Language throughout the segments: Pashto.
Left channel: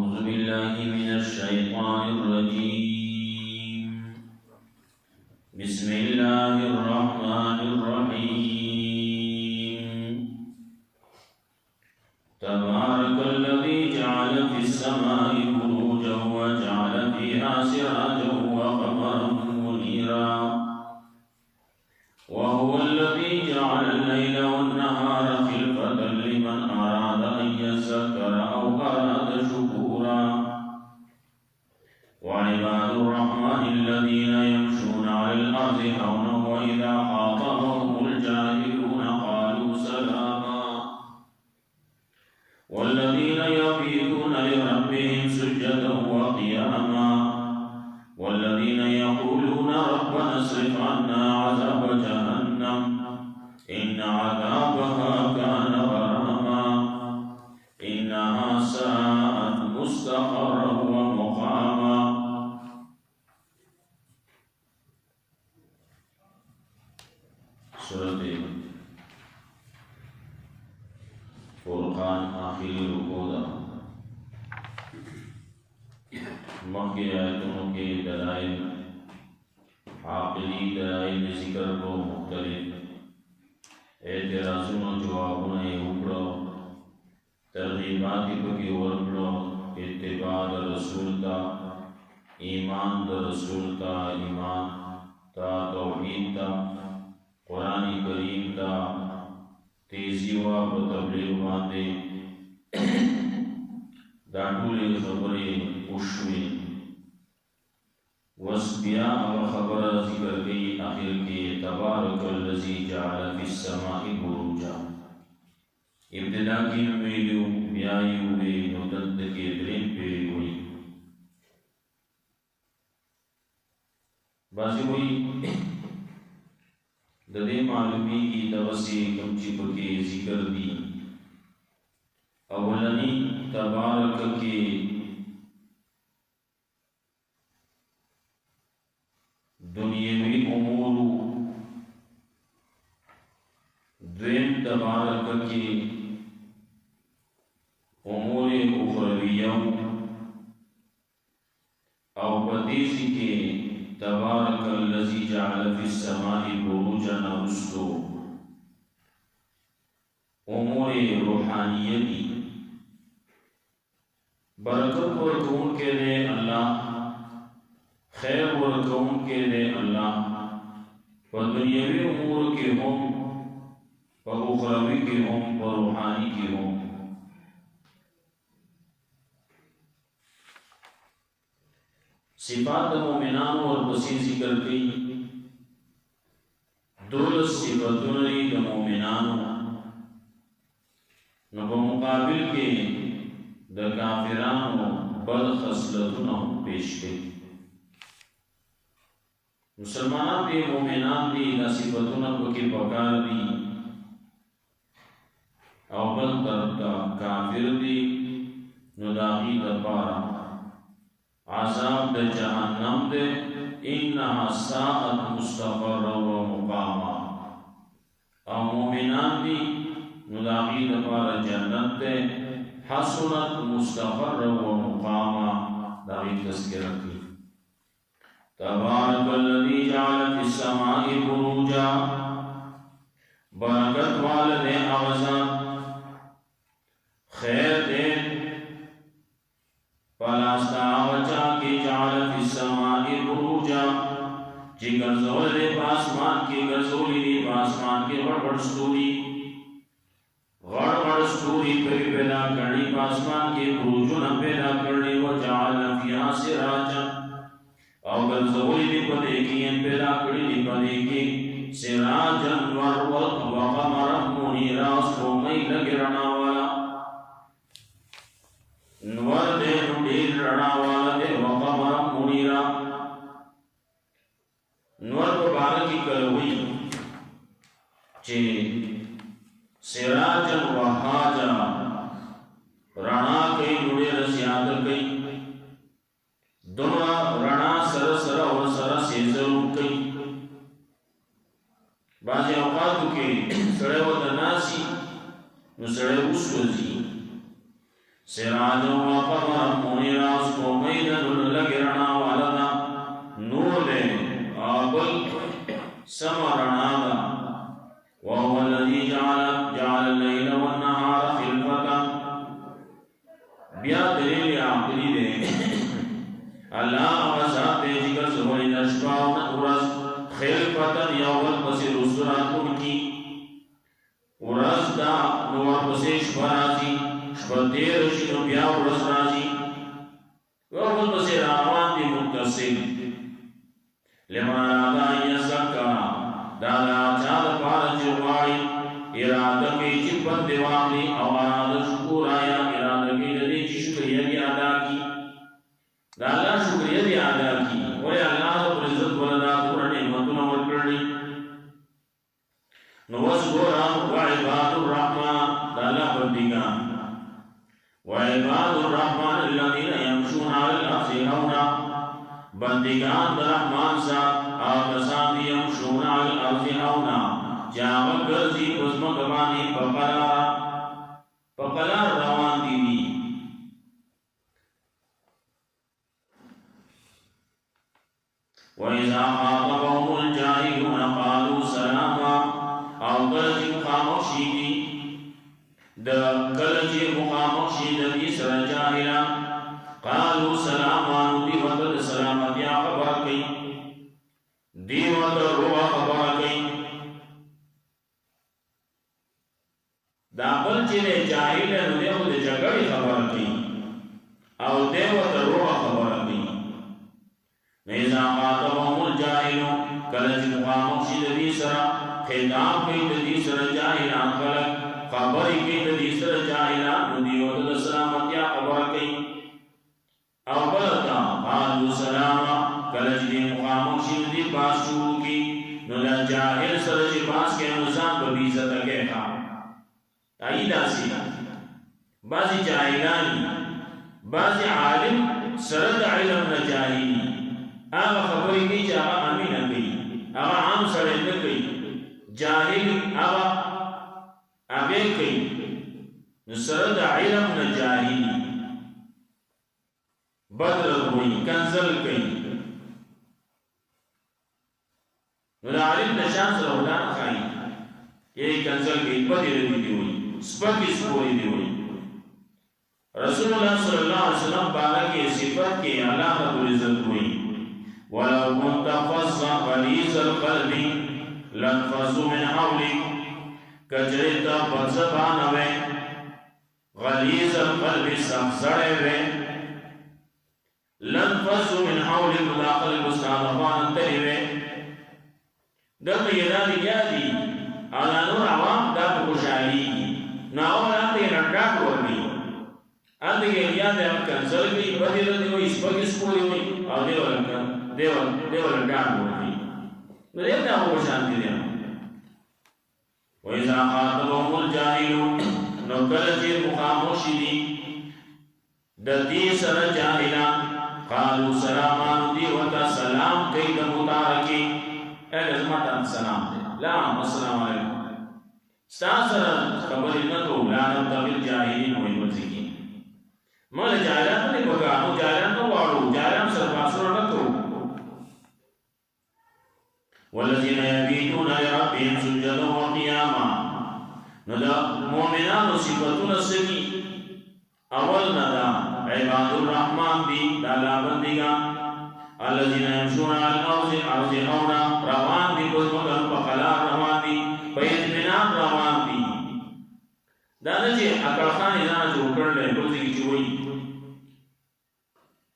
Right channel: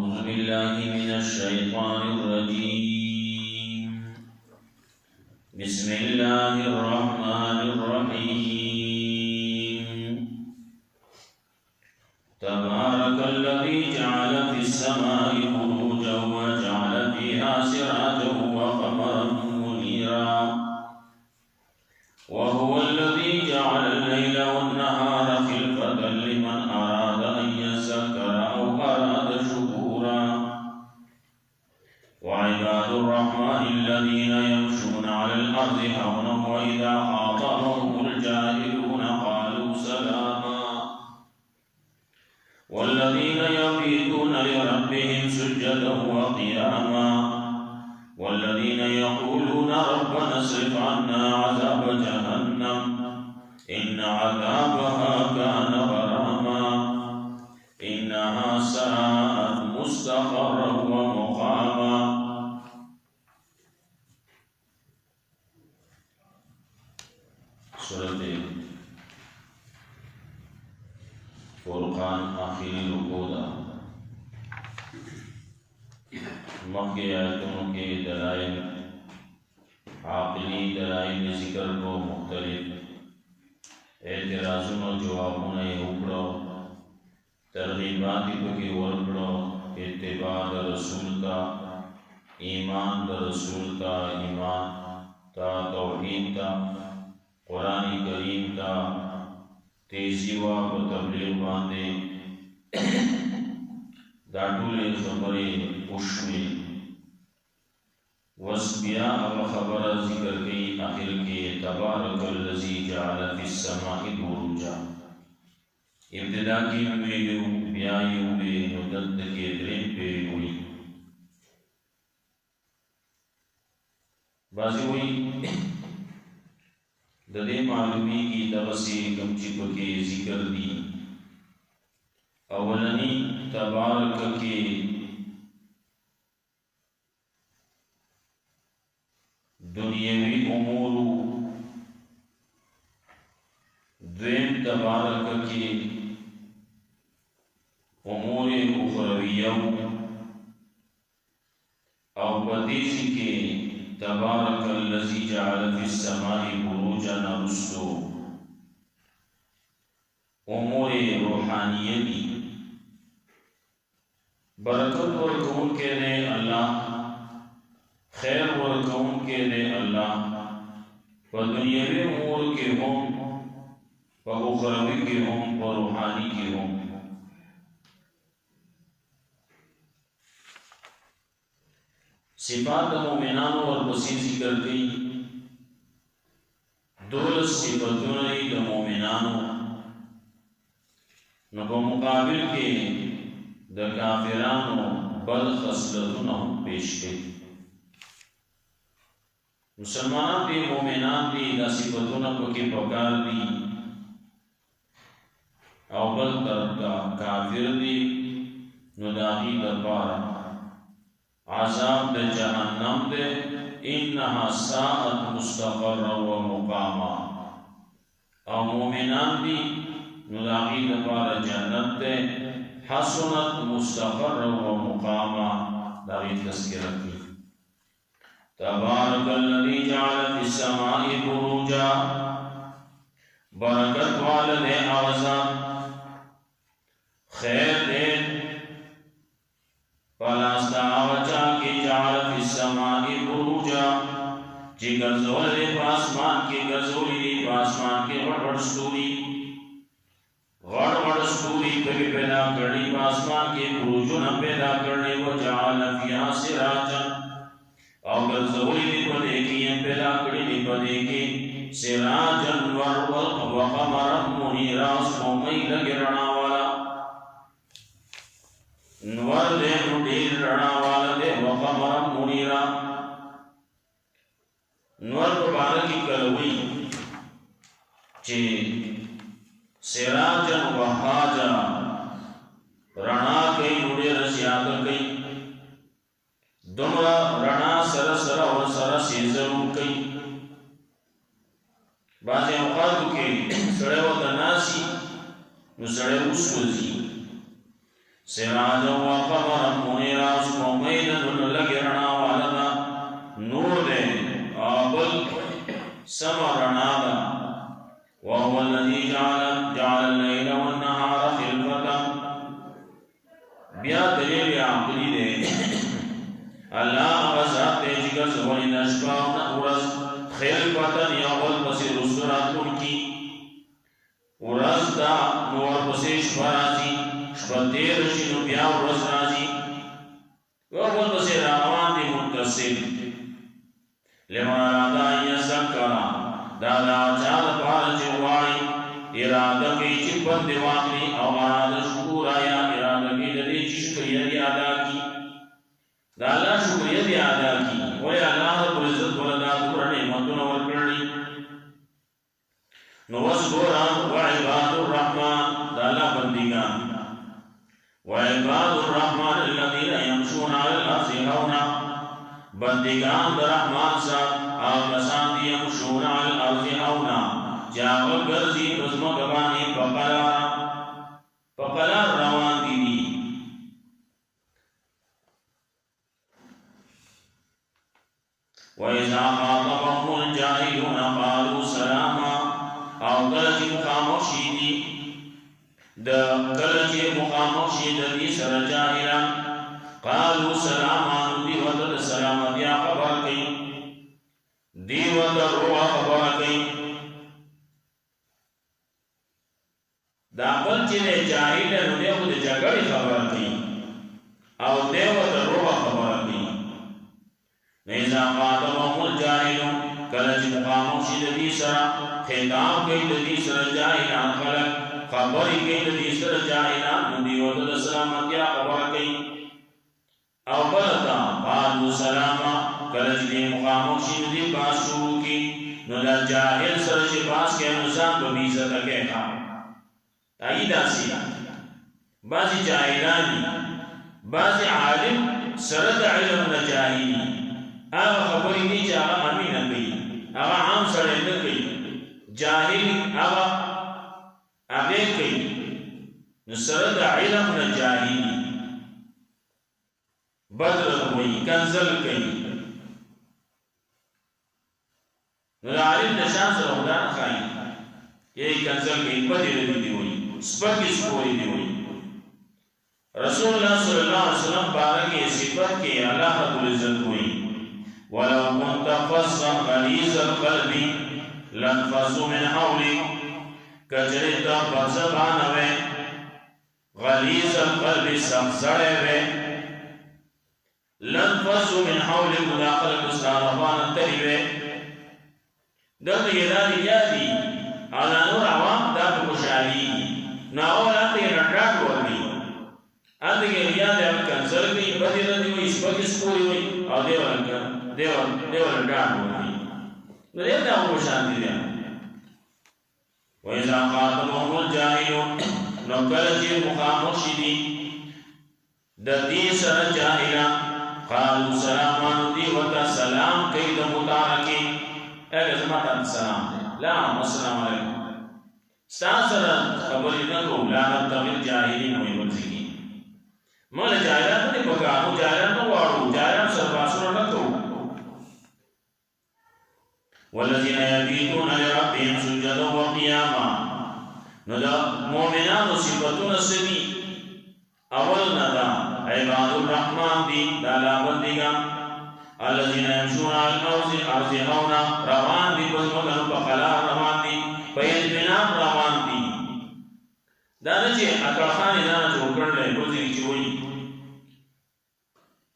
أعوذ بالله من الشيطان الرجيم بسم الله الرحمن الرحيم تبارك الذي جعل في السماء بروجا وجعل فيها سراجا وقمرا منيرا وهو الذي جعل الليل والنهار خلفة لمن أراد أن يذكر أو أراد شكورا وعباد الرحمن الذين يمشون على الأرض هونا وإذا خاطبهم الجاهلون قالوا سلاما والذين يبيتون لربهم سجدا وقياما والذين يقولون ربنا اصرف عنا عذاب جهنم إن عذابها كان غراما إنها ساءت مستقرا ومقاما. सूरत फुरकान आखिरी रुकू दा मक्के आयतों के दलाइल आक़िली दलाइल ज़िक्र को मुख्तलिफ एतराज़ों जवाबों उकड़ो तरगीबाती को की वर्कड़ो इत्तिबा रसूल ता ईमान रसूल ता ईमान ता तौहीद ता कुरान करीम ता तेजी व तबलीग बांधे दाटूले खबरे उश्मे वस्बिया अब खबर जिक्र गई आखिर के तबारकल्लज़ी जअल फिस्समाइ बुरूजा इब्तिदा की वेयू ब्यायू वे मुदत के द्रेम पे हुई बाजी हुई ददे मालूमी की तवसी कमची पके जिक्र दी अवलनी तबारक के दुनियावी उमूर द्वेम तबारक के उमूर उखरवियों और बदीसी के तबारकल्लज़ी जअल फिस्समाइ बुरूजन रुस्सो उमूर रूहानियती बरकत वरकौन के दे अल्लाह खैर वरकौन के दे अल्लाह व दुनियावी उमूर के हों व उखरवी के हों व रूहानी के हों। सिफात मोमिनान और बसी जिक्र गई दौलत सिफतुनरी द मोमिनानो न मुकाबिल के द काफिरानो बद खसलतुन पेश गई। मुसलमान दी मोमिनान दी द सिफतुन को की पकार दी और बद तरका काफिर दी नुदाही द पारा आज़ाब द जहन्नम दे इन्नहा साअत मुस्तक़र्रन व मुक़ामा और मोमिनान दी नुदागी द पार जन्नत दे हसनत मुस्तक़र्रन व मुक़ामा दागी तज़किरा की। तबारकल्लज़ी जअल फिस्समाइ बुरूजा बरकत वाले आज़ाद खैर दे पलास्ता आवचा के जअल फिस्समाइ बुरूजा जी गरज़ोल रे पासमान के गरज़ोली रे पासमान के वड़ स्तूरी पे पैदा करनी पासमान के बुरूजों न पैदा करने व जअल फिहा सिराजा और गरज़ोली रे पदे की पैदा करनी पदे के सिराजन व क़मरन मुनीरा सोमई लगे रणा वाला नवर दे नुडीर रणा वाला दे व क़मरन मुनीरा नवर मुबारक की कलवी चे सिराजन वहाजा रणा कई नुडे रसियात कई दुमरा रणा सर और सर से जरूर कई बाजे औकात के सड़े व तनासी नु सड़े उसवजी سراجا وقمرا منيرا سپومید لگرنا والدا نور دے آبل سمرنا دا وهو الذي جعل الليل والنهار خلفة بیا دلیل عقلی دے اللہ غزات دے جگر زوری نشبا ورز خلفتا یول پسی رسولاتون کی ورز دا نور پسی شبرازی شبتیر شنو بیا ورز رازی ورز پسی راوان دی متصل لمن ارادا یزکرا دادا چاد پارچ واری ارادہ کی چپن دیواغلی او ارادہ شکور آیا ارادہ کی لدی شکریہ دی ادا کی دا اللہ شکریہ دی ادا کی ولی اللہ رب العزت ولدا دور نعمتنا ورکڑی نوزگوران وعباد الرحمن دا اللہ بندگان وعباد الرحمن الذین یمشون علی الارض ہونا بندگان دا رحمان ساتھ آگسان دی یمشون علی الارض ہونا جاغل گرزی بزمک بانی پقلار روان دی دی وَإِذَا خَاطَبَهُمُ الْجَاهِلُونَ قَالُوا سَلَامًا او کلچی مخامخ شیدی دا کلچی مخامخ شید دی سر جاہلان قالوا سلاما دی وطد سلامتیا خبر کئی دی وطد روا خبر کئی دا کلچی دے جاہل نو دے خود جگڑی خبر کئی او دی وطد روا خبر کئی نیزا خاطبهم الجاہلون کلچی مخامخ شید دی سر خطاب کئی دی سر جاہلان خلق خبری کئی دی سر جاہلان دی وطد سلامتیا خبر کئی او بلتا قالوا سلاما کلچ دی مقامک شید دی باس شروع کی نو دا جاہل سرچ باس کے نظام ببیزت کہتا تاییدہ سی بعضی جاہلانی بعضی عالم سرد علم نجاہلی آغا خبری کی چاہا امین گئی آغا عام سرد نگئی جاہل آغا آگے گئی نو سرد علم نجاہلی بدر ہوئی کنزل کئی نو دا عالم نشان سر خدانا خائی یہی کنزل کئی بدر دی ہوئی سپکی سپوری دی ہوئی رسول اللہ صلی اللہ علیہ وسلم بارہ کے صفت کے اللہ رب العزت ہوئی وَلَوْ كُنْتَ فَظًّا غَلِيظَ الْقَلْبِ لَانفَضُّوا مِنْ حَوْلِكَ کجرتا بزبان وے غلیظ القلب سخزڑے وے لنفضوا من حول مداخل گستان افان تلیوے دلتا یہ دادی یادی آلا نور عوام دا بخشالی ناول آنتا یہ نٹاٹ ورمی آنتا یہ یاد ہے کنزل گئی بدی ردی ہوئی سپکی سپوری ہوئی اور دیوال نٹاٹ ورمی دیوتا بخشان دی دیا وَإِذَا خَاطَبَهُمُ الْجَاهِلُونَ نُكَلَجِرْ مُخَامُشِدِي دَدِي سَرَ جَاهِلًا قالوا سلامان دی وتا سلام کئی دا متارکی اگر زمتا سلام دے لعنم السلام علیکم ستاسر خبری نتو لعنت تغیر جاہلین ہوئی مرزکی مالا جاہلان نہیں بکانو جاہلان نوارو جاہلان سرباسر نتو والذین یبیتون لربهم سجدا وقیاما نو دا مومنان صفتون سبی اول ندا عباد الرحمن دی دالا بندگان الذین یمشون علی الارض ارض ہونا روان دی بزمکن بخلار روان دی بیدمنان روان دی دانا چے اکڑخانی دانا جو کر لے بلدگی چوئی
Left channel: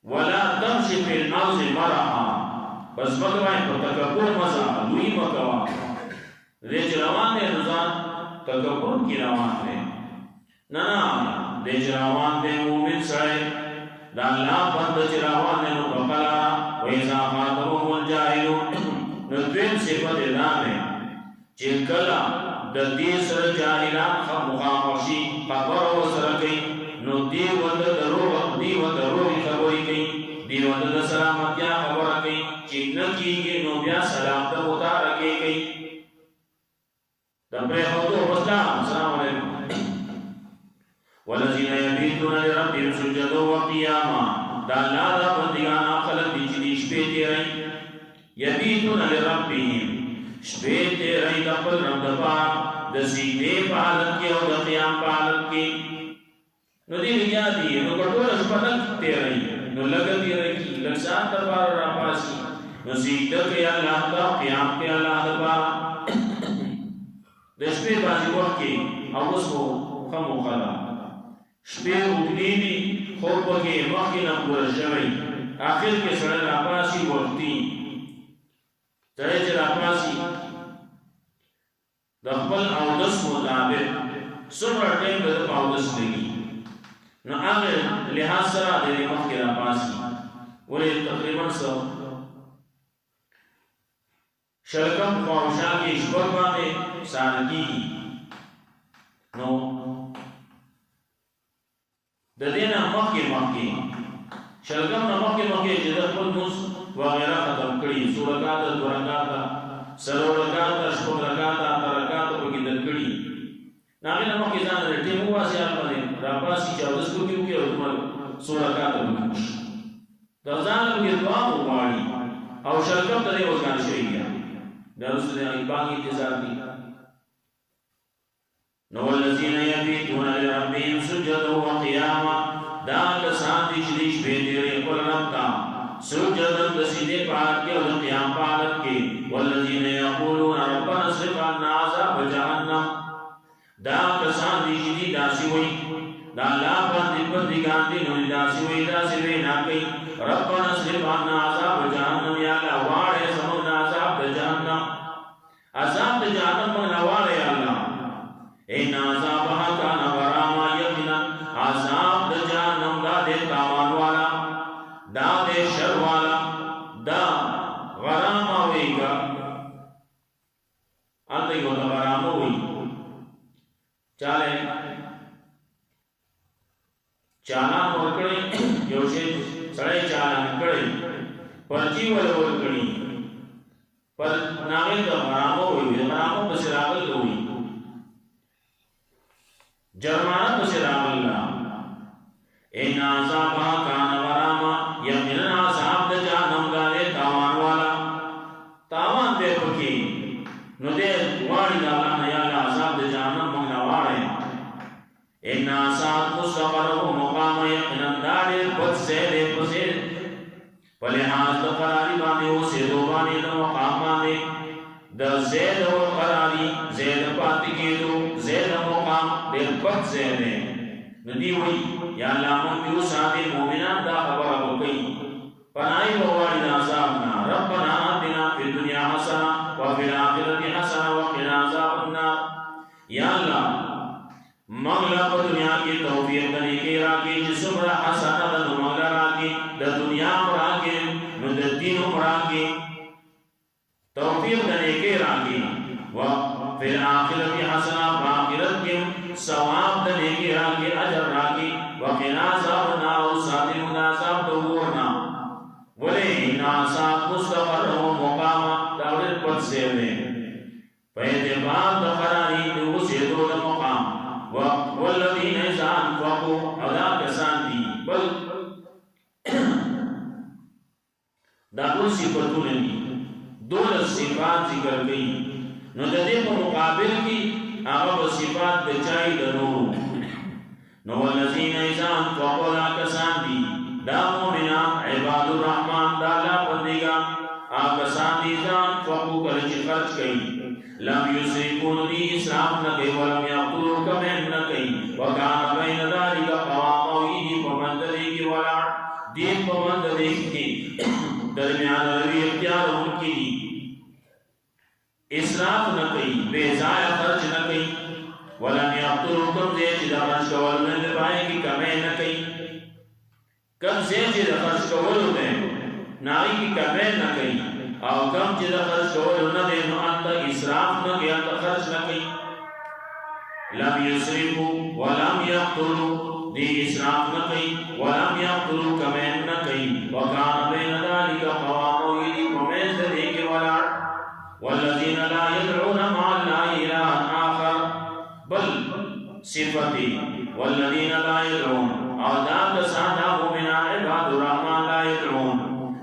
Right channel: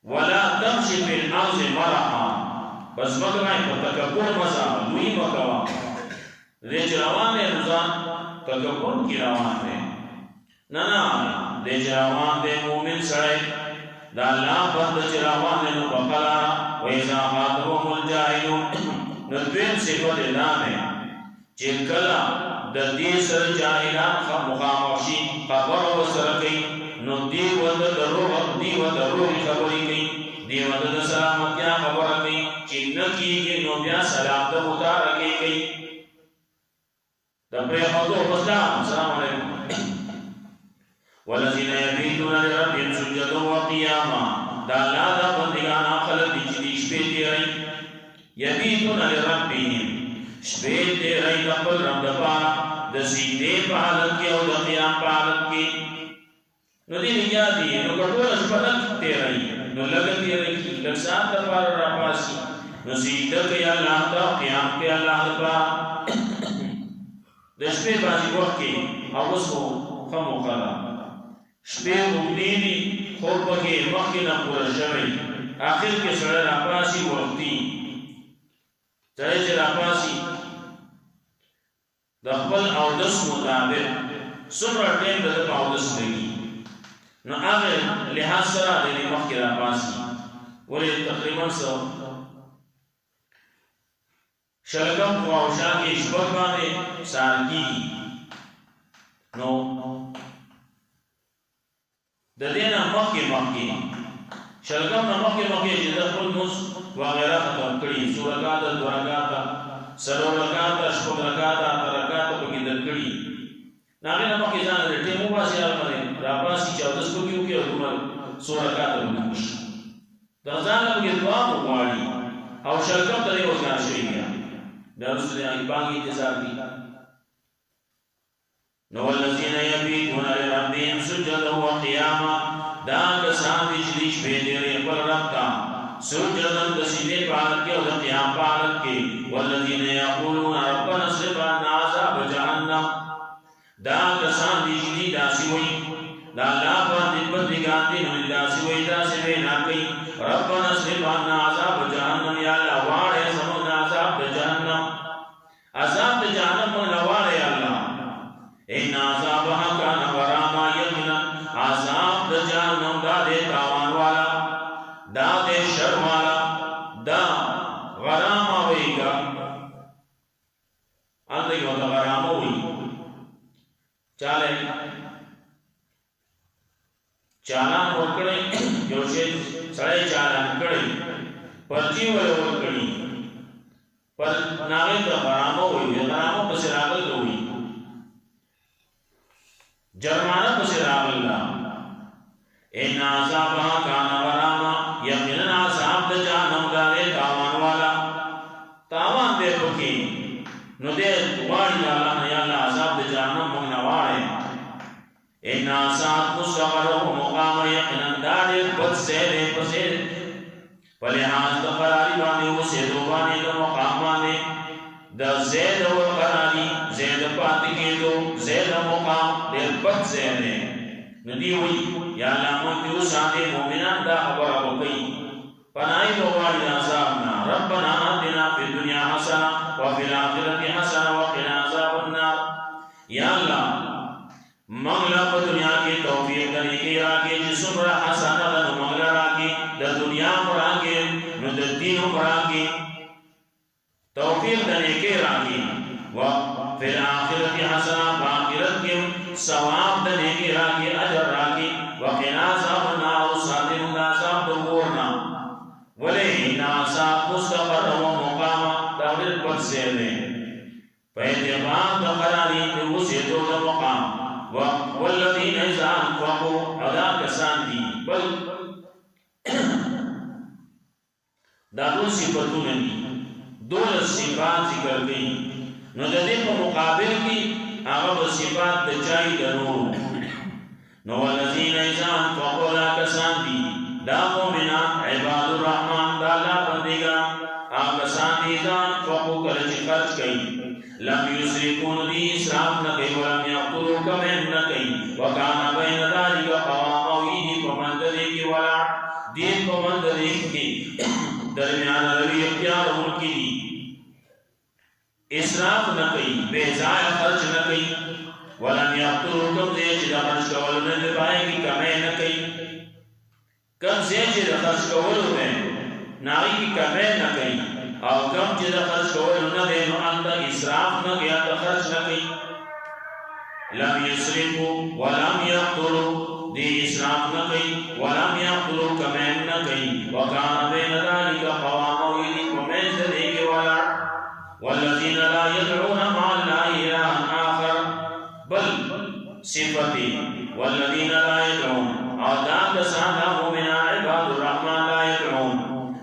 ولا تمشی فی الارض مرحا بس مکوائیں پر تکبر مزا لوئی مکوا دے چے روان دے نظام تکبر کی روان دے نانا دے چراوان دے مومن سڑے دا اللہ بند چراوان دے نو بقلا وَإِذَا خَاطَبَهُمُ الْجَاهِلُونَ ندوین صفت اللہ میں چکلا دا دی سر جاہلان مخامخشی خبر و سرکی نو دی ود روحی خبری کئی دی ود دا سلامتیا خبر کئی چنکی گی نو بیا سلام دا متارکی کئی دا پری خطو بسلام السلام علیکم والذین یبیتون لربهم سجدا وقیاما دا اللہ دا بندگان خلق دی چی دی شپے تیرائی یبیتون لربهم شپے تیرائی دقبل رب دپا دا سجدے پا حالت کی او دا قیام پا حالت کی نو دی لگیا دی نو کٹول شپتک تیرائی نو لگا تیرائی لگسان دپار را پاسی نو سجدہ کی اللہ دا قیام کی اللہ دپا دا شپے بازی وقت کی او اس کو خمو قدا شپے اگنینی خوب پکی مخی نپورا شوئی آخر کے سڑے راپاسی وقتی چاہے چھ راپاسی دخبل اودس مطابق سمرا ٹیم ددپ اودس لگی نو آگے لحاظ سرا دینی مخی راپاسی ولی تقریباً سو شلکم خواہشان کی شبک بانے سارکی نو ددینا مخی شلگم نا مخی جدر خل مز وغیرہ ختم کری سو رکاتا دو رکاتا سلو رکاتا شپک رکاتا ترکاتا پکی در کری ناغی نا مخی زانا در ٹیمو باسی آرمانے راپاسی چاودس کو کیوں کیا ورمال سو رکاتا بکوش در زانا پکی دعا مقواری او شلگم تدے وزگان شئی گیا در رسول دینا بانگی انتظار دی نو الذین یبیتون لربهم سجدا وقیاما دا کسان دی چلیش بیدیر اقبل رب تا سجدا دسیدے پالت کے اور قیام پالت کے والذین یقولون ربنا اصرف عنا عذاب جہنم دا کسان دی چلی داسی وئی دا اللہ پاندی بندگان دی نوی داسی وئی داسی وئی ناکی ربنا اصرف عنا عذاب جہنم یا اللہ وارے سمگنا عذاب جہنم مگنا وارے اللہ این عذابها کان غراما یقینا عذاب دا جہنم دا دے تاوان والا دا دے شر والا دا غراما ہوئی گا آلتا کیا ہوتا غراما ہوئی چالے چالان ورکڑی جوشے سڑے چالان کڑی پرچی والے ورکڑی پر ناغل دا غراما ہوئی غراما پس راغل ہوئی جرمانہ پسی راغ اللہ این عذابها کان غراما یقیناً عذاب دا جہنم دا دے تاوان والا تاوان دے پکی نو دے واری دا اللہ یا اللہ عذاب دا جہنم مگنا وارے این عذاب مستقر و مقام یقیناً دا دے بد سیدے پسی پلحاظ دا قراری بانے ہو سیدو بانے دا مقام بانے دا زید و قراری زید پاتکی دو زید مقام دیر بد زید ہے ندی ہوئی یا اللہ منتیو ساتے مومنان دا خبر ابو کئی پنائی بواری دا عذابنا ربنا آتنا فی الدنیا حسنا وفی الاخرت حسنا وقنا عذاب النار یا اللہ مغلا پا دنیا کی توفیق دنی کی راکی جسم را حسنا دا مغلا راکی دا دنیا مراکی ندر دین مراکی توفیق دنے کے راکی وفی الاخرت حسنا باخرت کے ثواب دنے کے راکی اجر راکی وقنا عذاب النار ساتن عذاب دورنا ولی ناسات مستقر و مقام دورر پت سیدے پیدبان دقراری دوسے دو دا مقام والذین اذا انفقوا ادا کسان دی بل دا دو صفتوں نے دولت صفات ذکر گئی نو دے پا مقابل کی اغب صفات دچائی درو نو والذین اذا انفقوا لا کسان دی دا مومنان عباد الرحمن دا لا بندگا آکسان دی اذا انفقوا کلچ خرچ کئی لم یسرفون دی اسراف نکئی ولم یقتلوا کمین نکئی وکانا بین ذالک قوام ویدی پمند دے کی ولا دین پمند دے کی درمیان روی اختیار ملکی دی اسراف نہ کئی بے ضائع خرچ نہ کئی ولم یقتلوا کم زی چی دا خرچ کولو نے پائے کی کمے نہ کئی کم زی چی دا خرچ کولو دے نائی کی کمے نہ کئی او کم چی دا خرچ کولو نہ دے نو انتا اسراف نہ کئی انتا خرچ نہ کئی لم یسرفوا ولم یقتلوا دی اسراف نہ کئی ولم یقتلوا کمے نہ کئی وکان بین ذالک قوام ویدی ومیز دے کے والا والذین لا يدعون مع الله إلها آخر بل صفتی والذین لا يدعون او دا کسان دا مومنان عباد الرحمن لا يدعون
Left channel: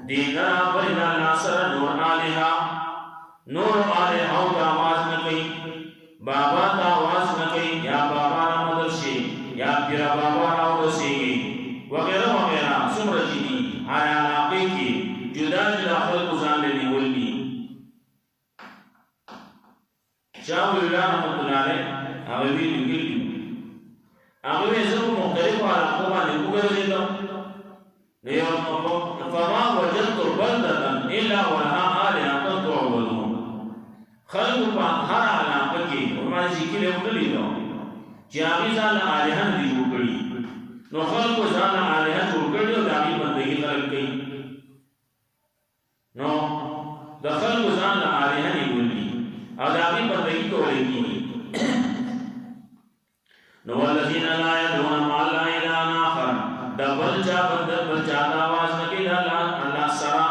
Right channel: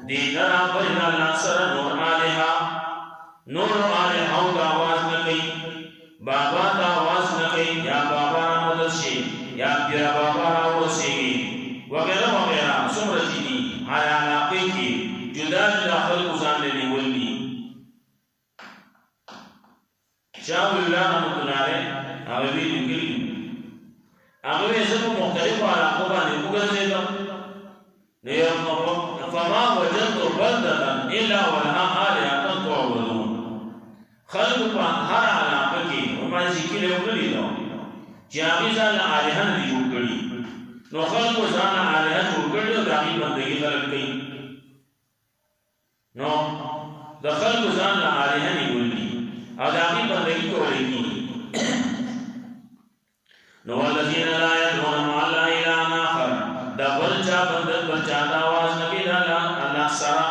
دین را برد اللہ سر نور آلہا تا آواز نکی بابا تا آواز نکی یا بابا را مدد شی یا پیرا بابا را روسیگی وغیرہ وغیرہ سمر چیدی ہر علاقے کی جدا جدا خلق ازان لینے ولی شاہ ویلان رحمت اللہ علیہ اغوی لنگل اغوی سب مختلف علاقوں بانے مگرزے دو فما وجدت بلدتا الا ولها آلہتا تعبدون خلق پا ہر علاقہ کی ہمارے ذکر اگلی دو جاوی زال آلہا ندی جوڑ کری نو خلق زال آلہا جوڑ کری و داغی بندگی خلق کئی نو دا خلق زال آلہا ندی او داغی بندگی کو لگی نو والذین لا يدعون مع اللہ الہا آخر دا بلچا بندر بلچا دا آواز نکی دا اللہ سرا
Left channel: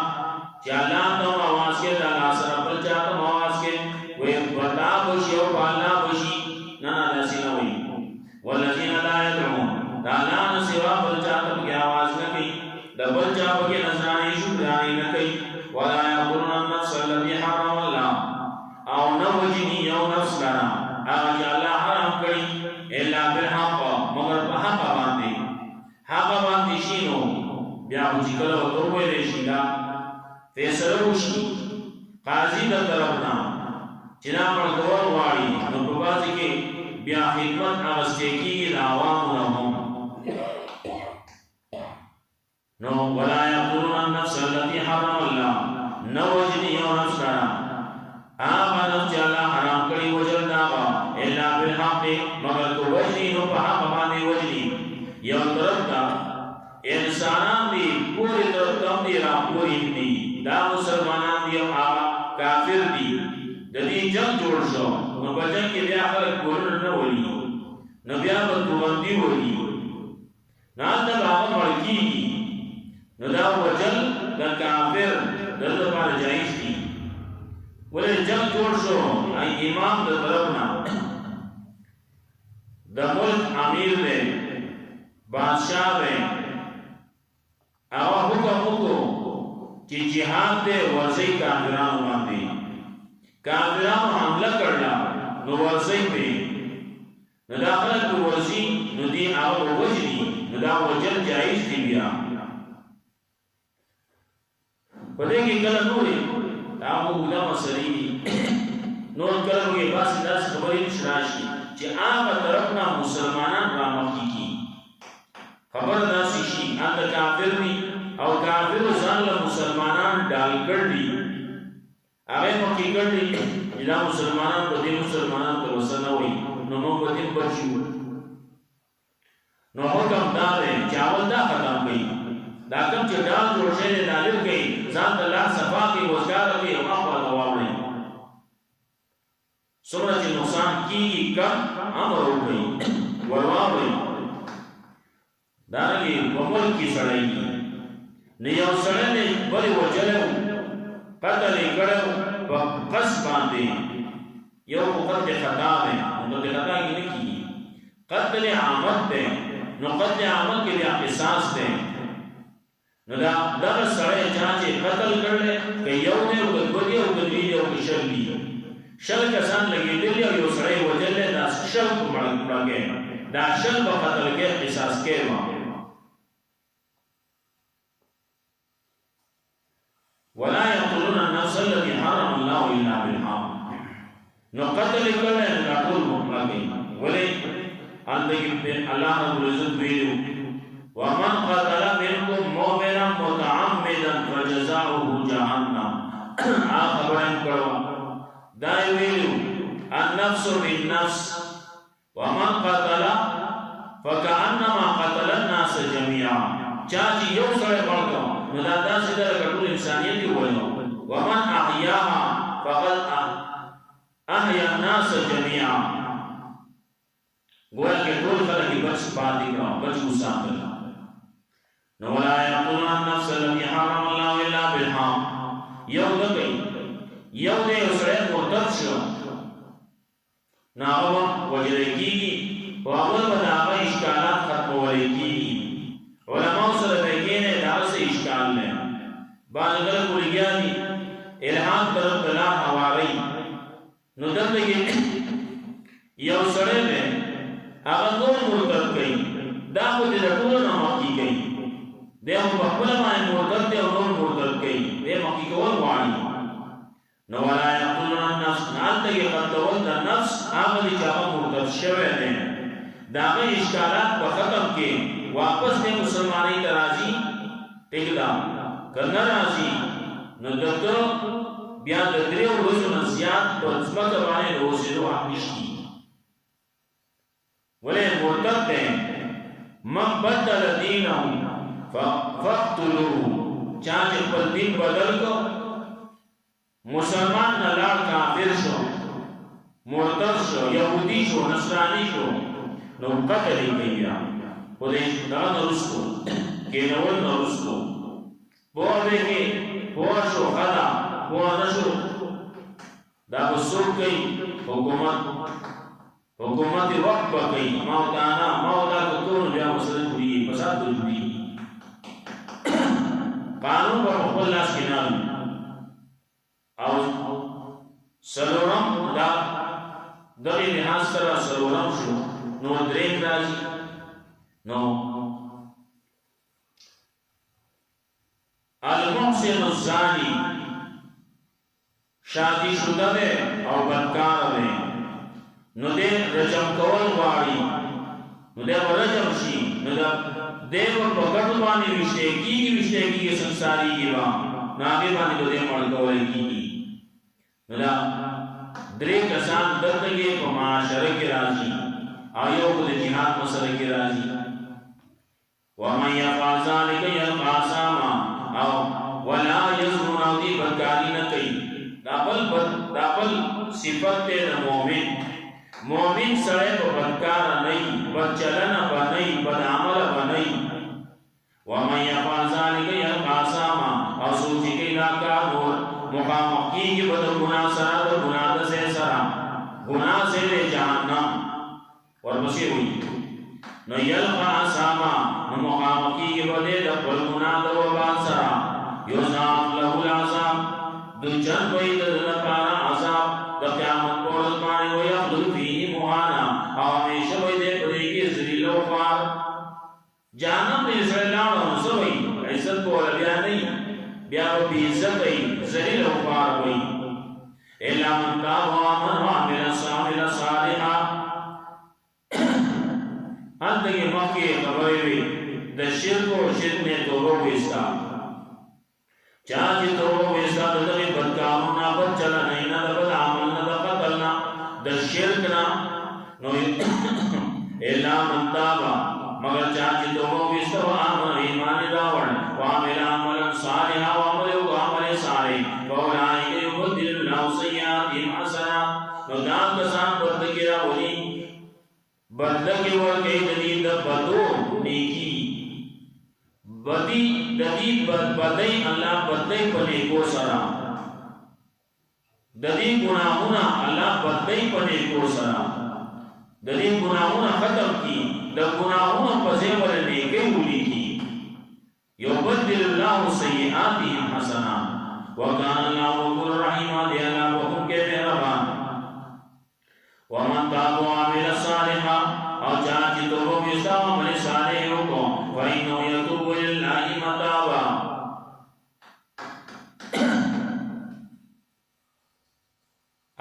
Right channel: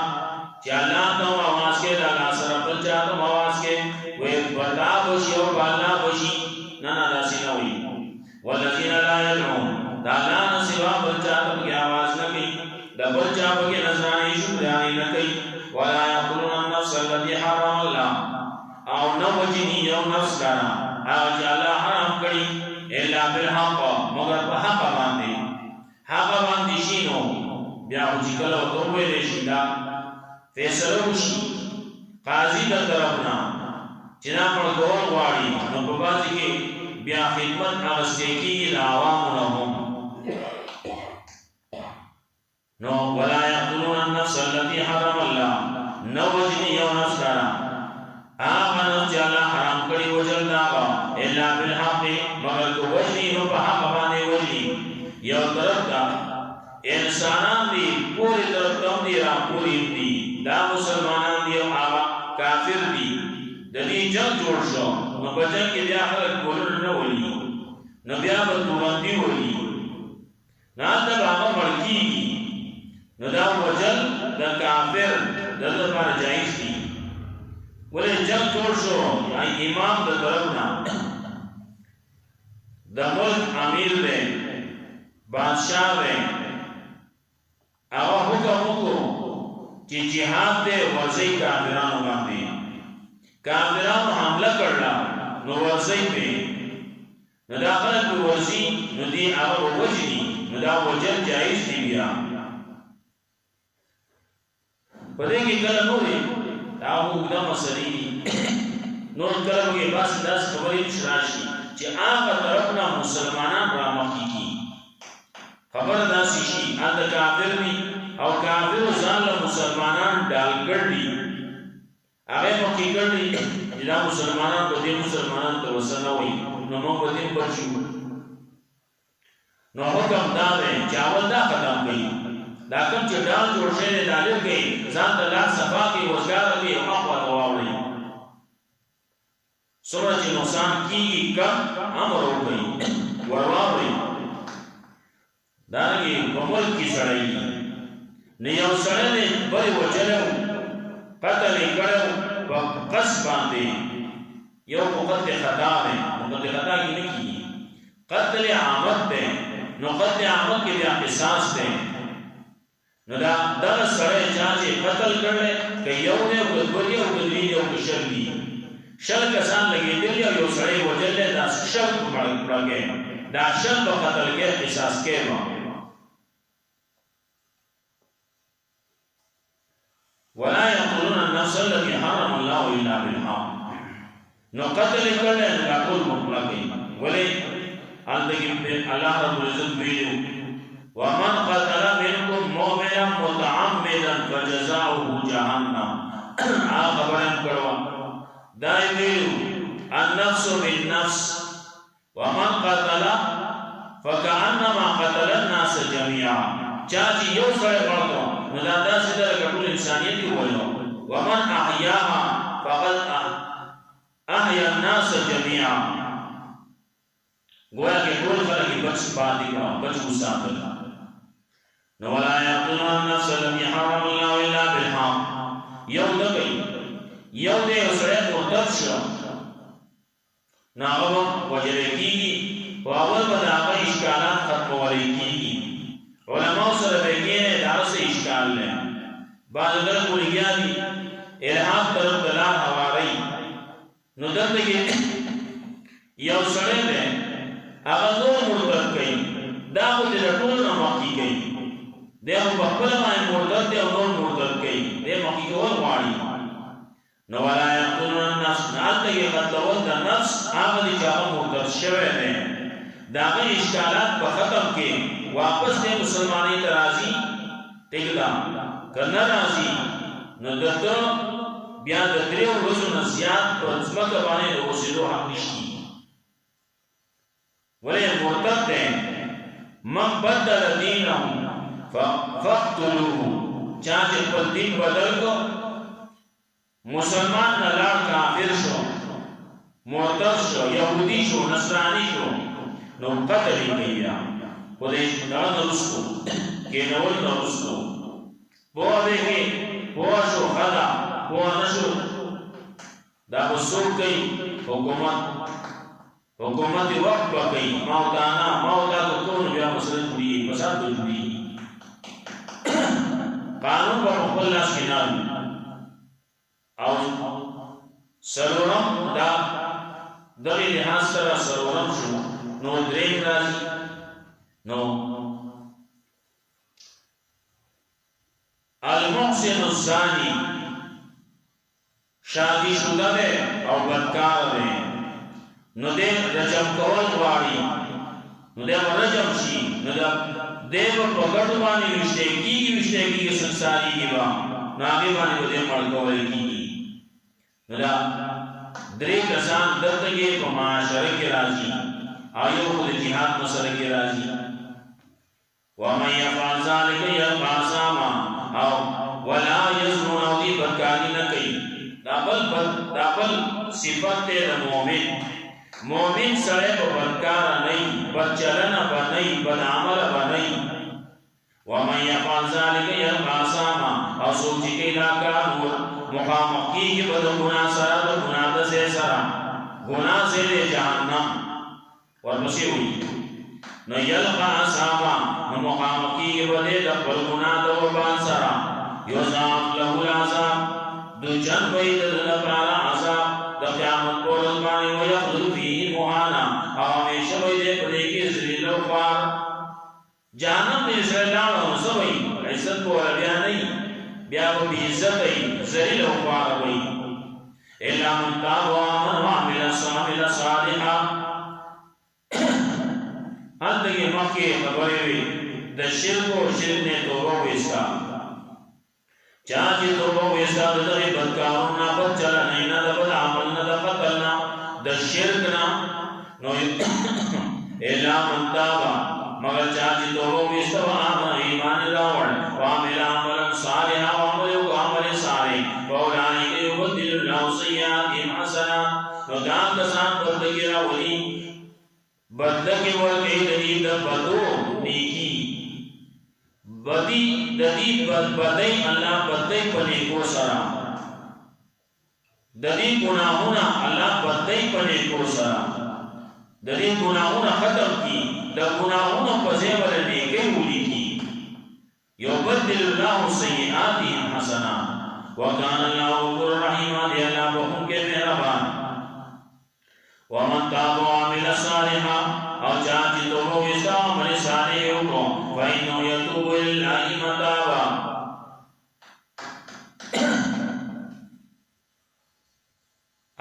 چا اللہ تو آواز کے دا اللہ سرا بلچا تو آواز کے وی بتا بشی اور بالا بشی نانا دا سنوی والذین لا يدعون دا اللہ نسوا بلچا تب کی آواز نکی دا بلچا بکی نظرانی شکرانی نکی ولا يقتلون النفس التي حرم اللہ او نو وجنی یو نفس لرا آج اللہ حرام کری الا بالحق مگر پا حق باندی حق باندی شینو بیا خوچی کلو توبے لیشی دا فیصلو شی قاضی دا طرفنا چنا پر دور واری نو پبازی کے بیا خدمت آغستے کی دعوام رہوں نو ولا يقتلون النفس التي حرم اللہ نو وجنی یو نفس لرا آغا نفس اللہ حرام کری وجل داغا الا بالحق مگر تو وجنی نو پا حق بانے وجنی یو طرف دا انسانان دی پوری طرف کم دی را پوری دی دا مسلمانان دی آغا کافر دی دا دی جنگ جوڑ شو نو پا جنگ کی بیا خلق بولن نولی نو بیا بدبوغندی ولی نان دا باغا ملکی نو دا وجل دا کافر دا دا بار جائز دی ولی جنگ جوڑ شو امام دا طرفنا دا ملک امیر دے بادشاہ دے آغا حکم کو کہ جہاد دے ورزی کافرانو باندے کافرانو حملہ کرنا نو ورزی پہ نو دا خلق پہ ورزی نو دی آغا وجنی نو دا وجن جائز دی بیا پدے کی کلا نوری آغا اگدہ مسئلی نور کلم کے باس داس خبری مشراشی چی آغا طرفنا مسلمانان رامقی کی خبر داسی شی آتا کافر بھی او کافر و زانل مسلمانان ڈال کر دی آغای مقی کر دی جدا مسلمانان بدی مسلمانان توسنوی نو بدیم بچو نو حکم دا دے چاول دا ختم گئی دا کم چی ڈال جوڑ شہر دالر گئی زان دا لاک صفا کی وزگار گئی اقوى دواو رہی سمرہ چی نقصان کی کم امر ہو گئی ورواو رہی دارنگی وملک کی سڑائی نیو سڑے نے بڑی وجلو قتل کرو قص باندے یو قتل خطا ہے قتل خطا کی نکی قتل عامت دے نو قتل عامت کے لئے قصاص دے نو دا دغه سړی چې قتل کړل که یو نه او دوی او درې او شل دي شل کسان لګېدل او یو سړی وجل دا شل مړګي دا شل په قتل کې قصاص کېما ولا يقتلون النفس التي حرم الله الا بالحق نو قتل کړل دا ټول مړګي ولې الله رب العزت ویلو ومن قتل منكم مؤمنا متعمدا فجزاؤه جهنم خبرن کرو دائیو النفس بالنفس ومن قتل فكأنما قتل الناس جميعا چاچی یو سڑے پڑھتو ندادا سیدھا لکٹول انسانیتی ہوئے ومن احیاها فقد احیا الناس جميعا گویا کہ ٹول خلقی بچ پاتی کا بچ گساکل نو لا يقتلون النفس التي حرم الله الا بالحق یو دگئی یو دے اسرے مرتد شو ناغم وجرگی کی واول بداغا اشکال کیږي علماء سره بګینه دا څه اشکال نه بعض غره کولګیا دي الہام طرف بلار حواری نو دلته کې یو سړی دی هغه نور مرتد کوي دا خو د ټولو نه مخکې کوي دی خو په خپله باندې مرتد دی او نور مرتد کوي دی مخکې کول غواړي نو ولا یقتلون النفس نه هلته کې قتلول د نفس هغه دی چې هغه مرتد شوی دی د هغه اشکالات په ختم کې واپس دی مسلمانۍ ته راځي ټیک ده که نه راځي نو دته بیا د درې ورځو نه زیات په ځمکه باندې د اوسېدو حق نشته ولې مرتد دی من بدل دینه فاقتلوه چا چې خپل دین بدل کو مسلمان نه لاړ کافر شو مرتد شو یهودي شو نصرانی شو نو قتل یې کوي خو دې دا نه رسو کېنول نه رسو پوه دی کې پوه شو خدا پوه نه شو دا به څوک کوي حکومت وقت به کوي ما او تا که کوو نو بیا مسله جوړېږي فساد به جوړېږي قانون به په خپل لاس کې نه او څلورم دا دغې لحاظ سره څلورم شو نو درېم راځي نو المحسن الزانی شادی شده ده او بدکار ده نو ده رجم کول غواړي نو ده ورجم شي نو ده په ګټو باندې وشته کېږي سنساري کې به نو هغې باندې به ده مړ کولی کېږي نو ده درې کسان دلته کې په معاشره کې راځي او یو خو د جهاد مسله کې راځي ومن یفعل ذلک یلقا اثاما او ولا یزنون او دی بدکاری نه کوي دا بل صفت دی د مؤمن سړی به بدکار نه وي بدچلنه به نه وي بدعمله به نه وي ومن یفعل ذلک یلقا اثاما او څوک چې کوي دا کار مخامخ کېږي به د ګناه سره د ګناه د ځای سره ګناه ځای دی جهنم ورپسې وایي نو یلقا اثاما نو مخامخ کېږي به دی د خپل ګناه د وبال سره یضاعف له العذاب دوجن به یې د ده لپاره عذاب د قیامت په ورځ باندې ویخلد فیه مهانا او همیشه به یې دی په دې کې ذلیل او خوار جهنم ته یې سړی لاړ نو څه به وي عزت به وله بیا نه وي بیا به بې عزته وي ذلیل او خوار به وي الا من تاب وآمن وعمل صالحا هلته کې مخکې خبرې وي د شرک او شرک نه توبه وایسته چا چې توبه وایسته د دغې بدکارو نه بد چلنۍ نه د بد عمل نه د قتل نه د شرک نه نو الا من تاب مگر چا چې توبه وایسته وآمن ایمان یې راوړ وعمل عملا صالحا وعمل وکړو عمل صالح فاولئک یبدل الله سیئاتهم حسنات نو دا کسان بدله کې راولي بدله کې ورکوي د دې د بدو نیکي بدی د دې بدۍ الله بدۍ په نیکو سره د دې ګناهونه الله بدۍ په نیکو سره د دې ګناهونه ختم کړي د ګناهونو په ځای ول نیکۍ ولیکي یبدل الله سیئاتهم حسنات وکان الله غفور رحیم دی الله بخښونکی مهربان ومن تاب وعمل صالحا او چا چې توبه وکړه عمل صالح وکړو فإنه يتوب إلى الله متابا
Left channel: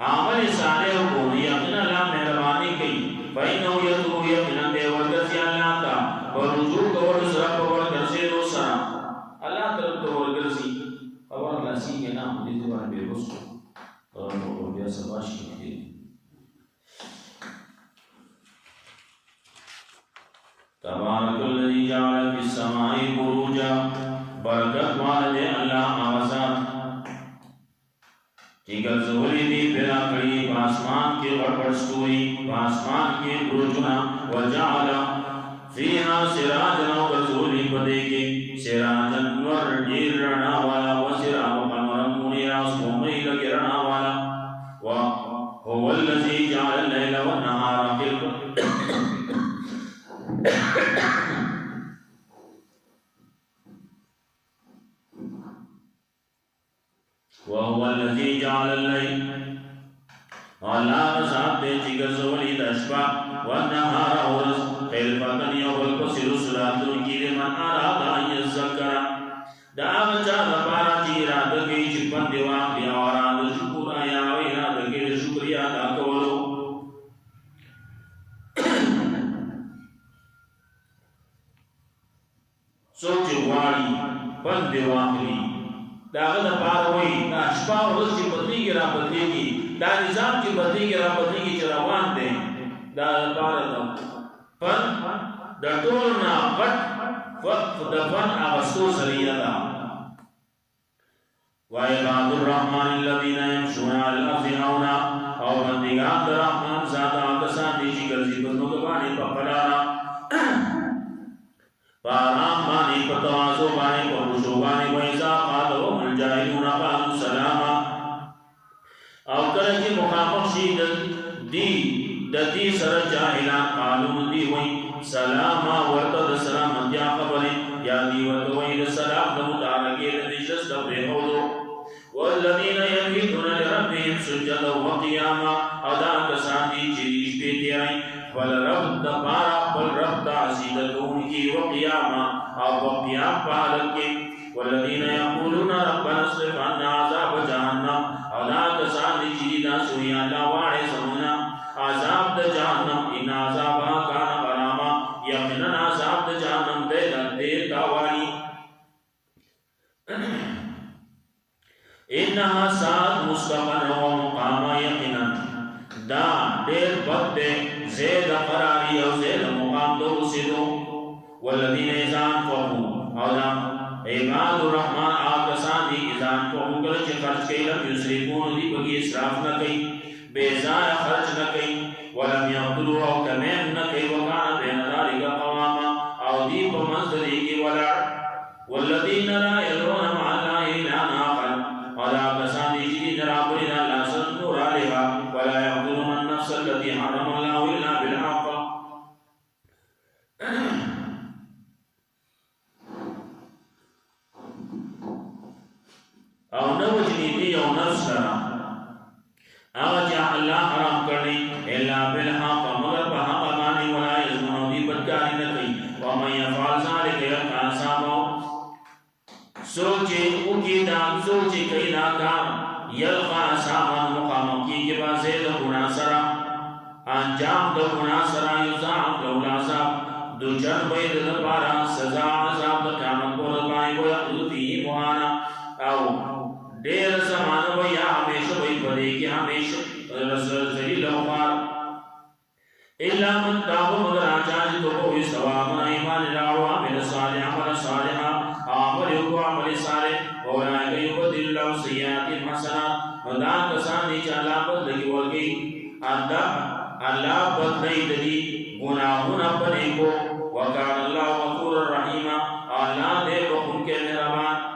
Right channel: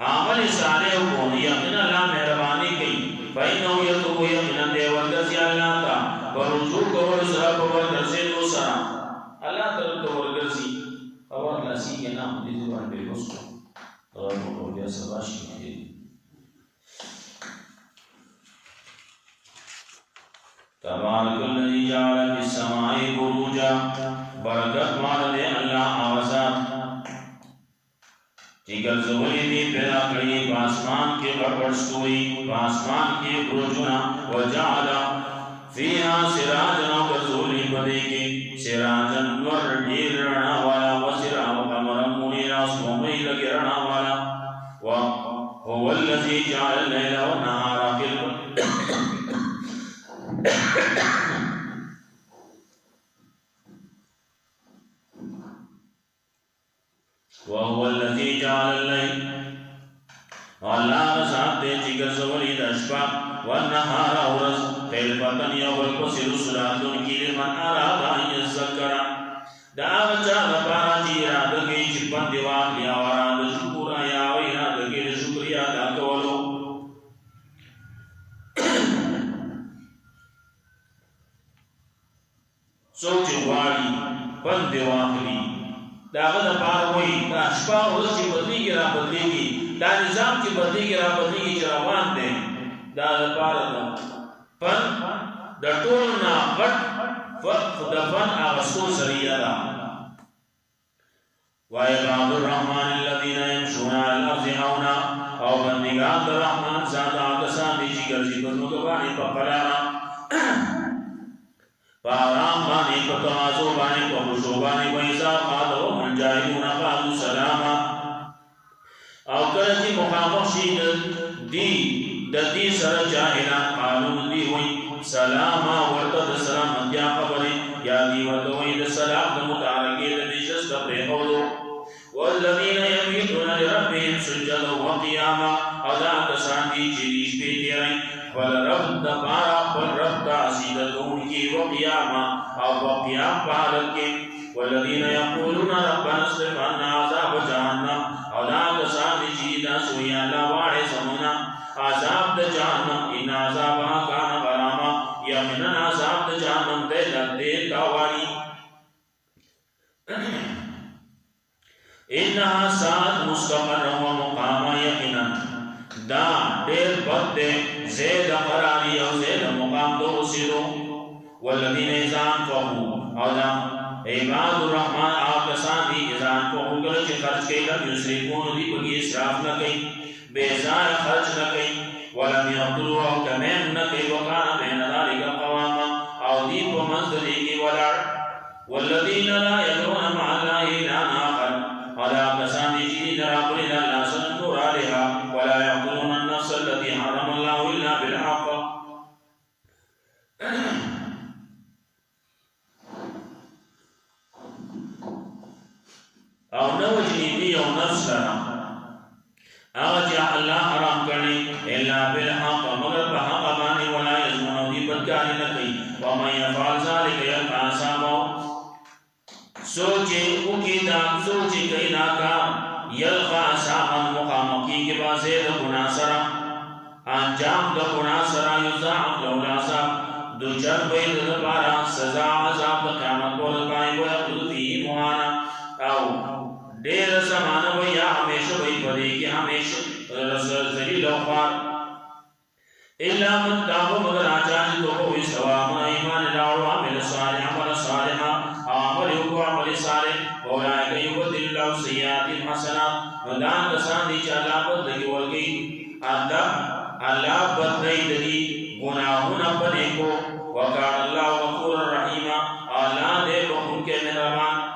عمل صالح وکړو یقینا الله مهرباني کوي فإنه يتوب یقینا دی ورګرځي الله ته په رجوع کول سره په ورګرځېدو سره الله طرف ته ورګرځي او خلاصېږي نه دې ځوان به وسو او نو بیا سبا شي تبارک الذی جعل فی السماء بروجا برکت والے اللہ آوازات چې ګرځولې دي پیدا کړی په اسمان کې غړغړ ستوري په اسمان کې بروجونه وجعل فيها سراجا ګرځولې په دې کې سراجا نور ډیر رڼا والا وسراج قمرا منیرا سومې لګي رڼا والا وهو الذي جعل الليل والنهار خلفا وهو الذي جعل الليل الله ذات دې چې ګرځولې د شپه والنهار اورز خلفتن یو بل پسې رسولاتون کې لمن اراد ان یذکر دا هغه چا لپاره چې اراده کوي چې پند واخلي او اراده شکر یا اراده کوي د شکریا ادا کولو څوک چې غواړي پند واخلي دا هغه لپاره وایي دا شپه ورځ چې بدلېږي را بدلېږي دا نظام چې بدلېږي را بدلېږي چې روان دی دا لپاره ده فن د ټولو نه غټ د فن اغستو سریه ده وعباد الرحمن الذين يمشون على الارض هونا او بندگان د رحمان ذات کسان دي چې ګرځي په ځمکه باندې په قرارا پارام باندې په تواضع باندې په خشوع باندې وایذا قالوا الجاهلون قالوا سلاما او کله چې مخامخ شي دی د دې سره جاهلان قانون دی وای سلام ورته د سلام انیا خبره یا دی ورته وای د سلام د متعلقې د نشست د پرهولو والذین یبیتون لربهم سجدا وقیاما ادا کسان دي چې شپې تیرای فل رب د پارا فل رب تعزیدون کی وقیاما او وقیام په حالت کې والذین یقولون ربنا اصرف عنا عذاب جهنم ادا کسان دي چې دا سویا الله واړې سمونا عذاب د جهنم ان عذابها کان غراما یقینا عذاب د جهنم دې لدې کاوالي انها ساعت مستقر و مقام یقینا دا ډېر بد دی زید قراری او زید مقام دو رسیدو والذین اذا انفقوا او دا عباد الرحمن آکسان دی اذا انفقوا کله چې خرج کوي لم یسرفون دی بګي اسراف نه کوي بیزار خرج نہ کئی ولم یقتلوا او کمیم نہ کئی وکان بین ذالک قواما او دی په منځ دی ولا والذین لا يدعون مع الله الا آخر ولا کسان دی چې درابري د الله سره نور علیها ولا يقتلون النفس التي حرم الله الا بالحق او نو جنیدی او نفس لنا اغجا اللہ حرام کرنے الا بالحق مگر بحق بانے ولا یزمون دی بدکاری نہ کئی ومن یفعل ذلك یلقى اثاما سوچے اکیدان سوچے کئی ناکار یلقى اثاما مقامکی کے بعد زید گناہ سرا انجام دو گناہ سرا یضاعف له العذاب دو چن بید دپارا سزا عذاب دو قیامت بولت بانے ویخلد فیہ مہانا او دیر زمانہ و یا ہمیشہ وہی پڑے کہ ہمیشہ ذلیل و خوار الا من تاب مگر آجا جی تو وہ استوام ایمان لاڑو عمل صالح عمل صالحا عمل کو عمل صالح اولائے کہ یبدل اللہ سیئات حسنات ودان کسان دی چالا بدلگی ورگی اللہ بدلی دلی گناہون بنے کو وکان اللہ غفور الرحیم اللہ دے بخون کے مہربان